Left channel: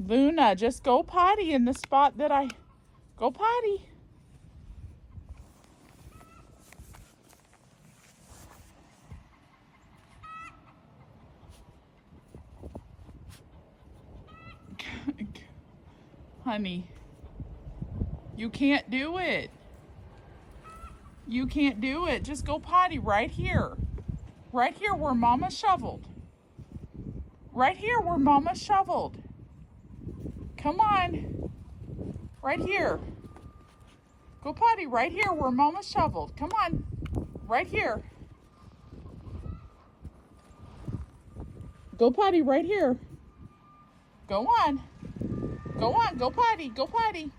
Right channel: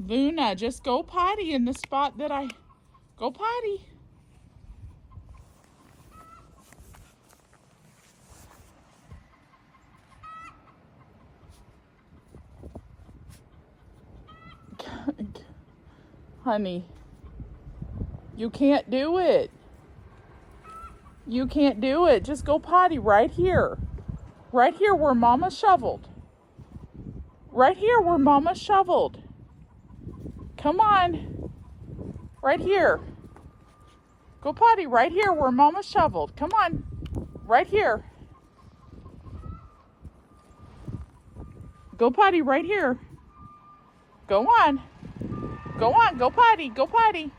Luna, just go potty in the spot that I... Go potty. Honey, you can't do it. You can't do it. Just go potty right here. Right here where Mama shoveled. Right here where Mama shoveled. Come on. Right here. Go potty right here where Mama shoveled. Come on. Right here. Go potty right here. Go on. Go on. Go potty. Go potty.